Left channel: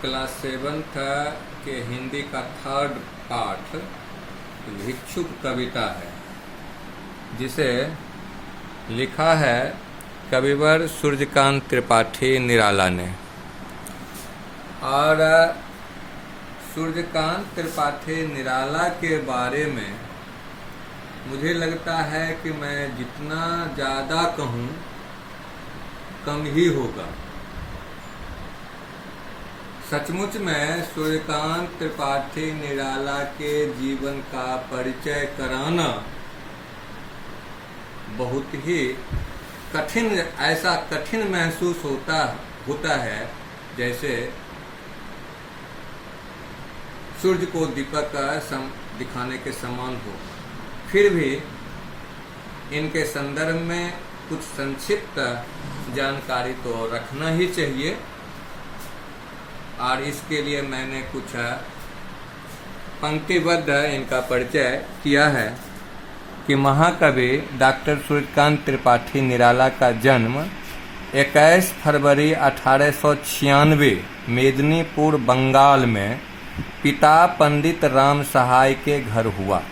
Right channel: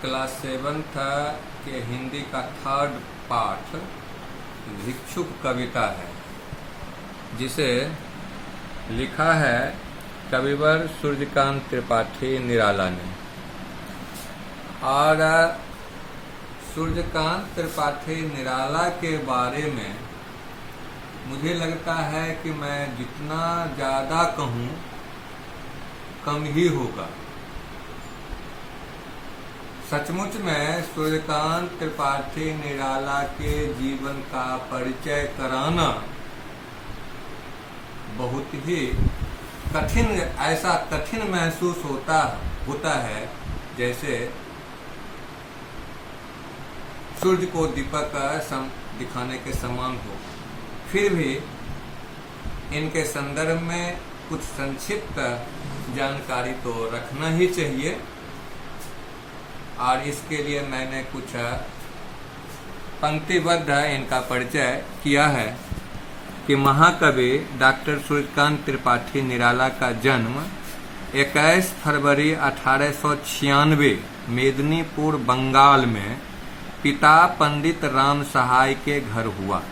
Class 7th के हिंदी का 3rd पाठ भिक्षुक कविता है, जिसे लिखा है कविवर सूर्यकांत त्रिपाठी निराला ने। और सूर्यकांत त्रिपाठी निराला के बारे में मुझे लगता है कि मैं जितना ज़्यादा कहूँ कम ही होगा। सचमुच में सूर्यकांत त्रिपाठी निराला के जीवन का परिचय कराना बहुत ही कठिन, ऐसा कठिन महसूस होता है जैसे सूर्य को दीपक दिखाने के समान हो। फिर भी इनके संदर्भ में कुछ संक्षिप्त जानकारी तो रखना ही चाहिए, और इसके लिए मैंने कुछ पंक्तिबद्ध इनका परिचय किया है कि महाकवि डॉक्टर सूर्यकांत त्रिपाठी निराला का जन्म 21 फरवरी 1896 मेदिनीपुर बंगाल में पिता पंडित राम सहाय के घर हुआ।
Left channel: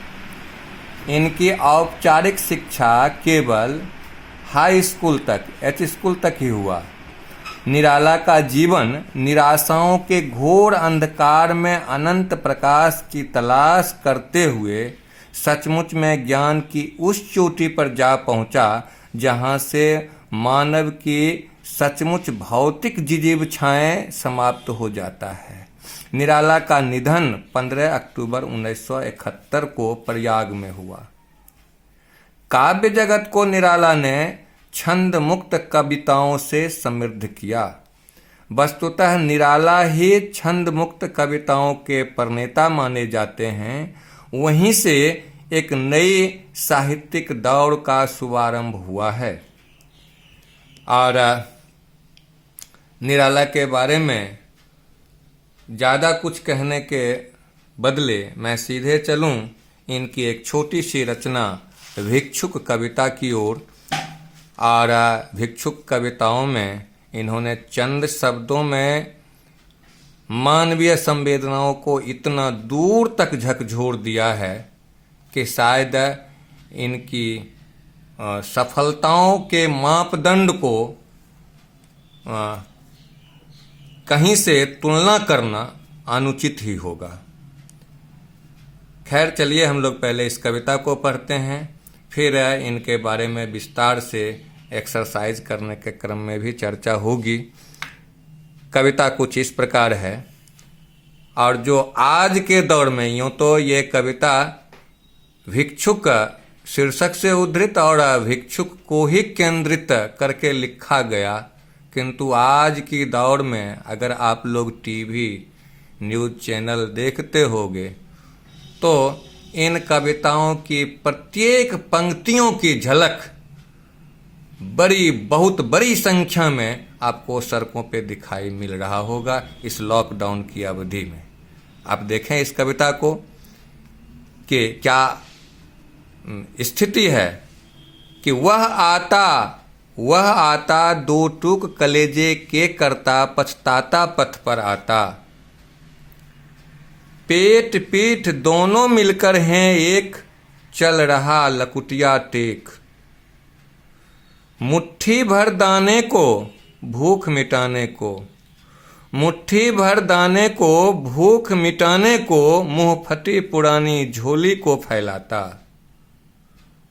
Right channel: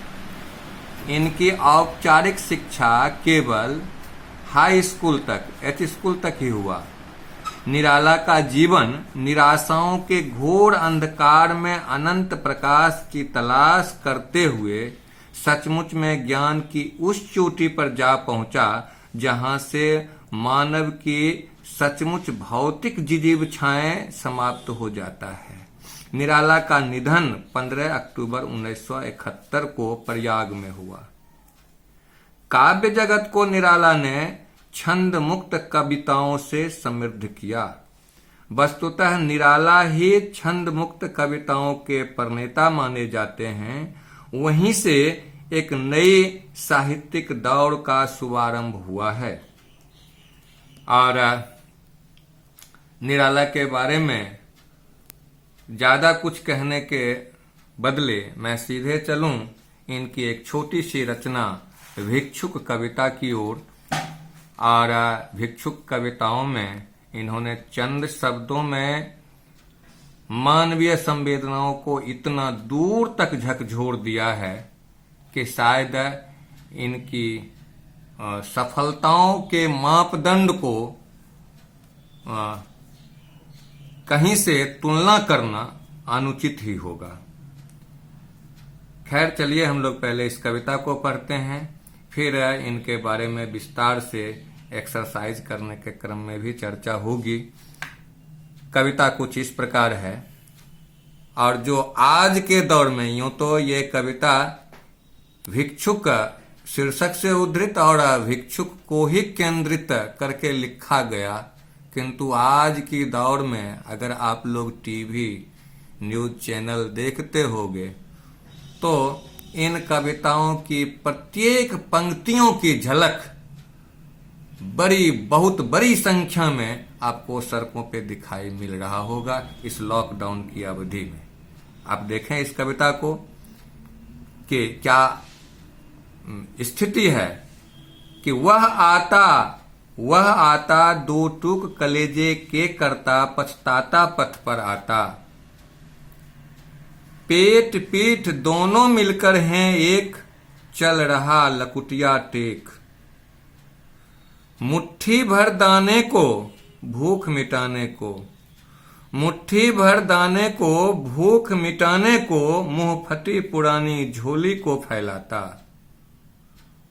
इनकी औपचारिक शिक्षा केवल हाई स्कूल तक, एच स्कूल तक ही हुआ। निराला का जीवन निराशाओं के घोर अंधकार में अनंत प्रकाश की तलाश करते हुए सचमुच में ज्ञान की उस चोटी पर जा पहुंचा जहां से मानव की सचमुच भौतिक जिजीविछाएं समाप्त हो जाता है। निराला का निधन 15 अक्टूबर 1971 को प्रयाग में हुआ। काव्य जगत को निराला ने छंद मुक्त कविताओं से समृद्ध किया। वस्तुतः निराला ही छंद मुक्त कविताओं के प्रणेता माने जाते हैं। वहीं से एक नई साहित्यिक दौर का शुभारंभ हुआ है। और निराला के बारे में ज़्यादा कुछ कहने के बदले मैं सीधे चलूं इनकी एक छोटी सी रचना भिक्षुक कविता की ओर। और भिक्षुक कविताओं में इन्होंने चंद शब्दों में मानवीय संवेदनाओं को इतना दूर तक झकझोर दिया है कि शायद इनकी सफलताओं के मापदंड को कहीं से तुलना करना अनुचित ही होगा। खैर, चलिए हम लोग पहले इस कविता को पढ़ते हैं, फिर इनके बारे में विस्तार से एक्सरसाइज करने के क्रम में भी चर्चा होगी। कविता कुछ इस प्रकार है, और जो आज के दौर में, यूँ तो ये कविता भिक्षुक शीर्षक से उद्धृत और भिक्षुक को ही केंद्रित करके लिखा गया, किंतु आज की दौर में अगर आप लोग टीवी न्यूज़ चैनल देखते होंगे तो इन कविताओं की प्रत्येक पंक्तियों की झलक बहुत बड़ी संख्या में आपको सड़कों पे दिखाई मिल रहा होगा इस लॉकडाउन की अवधि में। आप देखें इस कविता को कि क्या स्थिति है कि वह आता दो टूक कलेजे के करता, पछताता पथ पर आता। पेट पीठ दोनों मिलकर हैं एक, चल रहा लकुटिया टेक। मुट्ठी भर दाने को भूख मिटाने को, मुट्ठी भर दाने को भूख मिटाने को, मुंह फटी पुरानी झोली को फैलाता।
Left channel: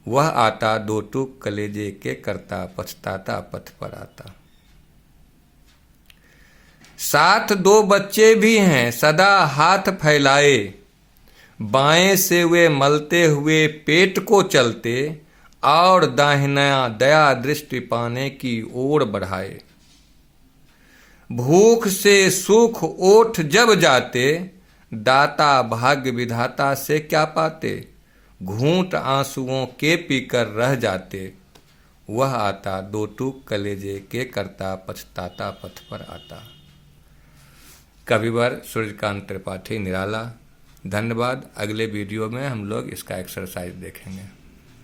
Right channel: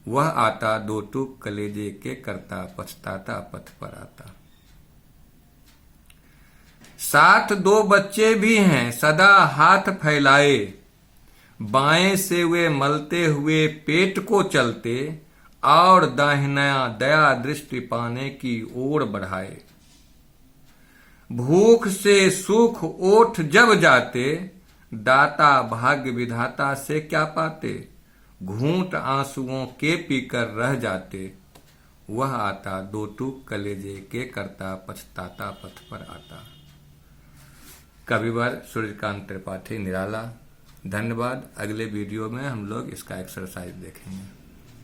वह आता दो टूक कलेजे के करता, पछताता पथ पर आता। साथ दो बच्चे भी हैं सदा हाथ फैलाए, बाएं से वे मलते हुए पेट को चलते, और दाहिना दया दृष्टि पाने की ओर बढ़ाए। भूख से सुख ओठ जब जाते, दाता भाग्य विधाता से क्या पाते। घूंट आंसुओं के पीकर रह जाते, वह आता दो टूक कलेजे के करता, पछताता पथ पर आता। कविवर सूर्यकांत त्रिपाठी निराला। धन्यवाद। अगले वीडियो में हम लोग इसका एक्सरसाइज देखेंगे।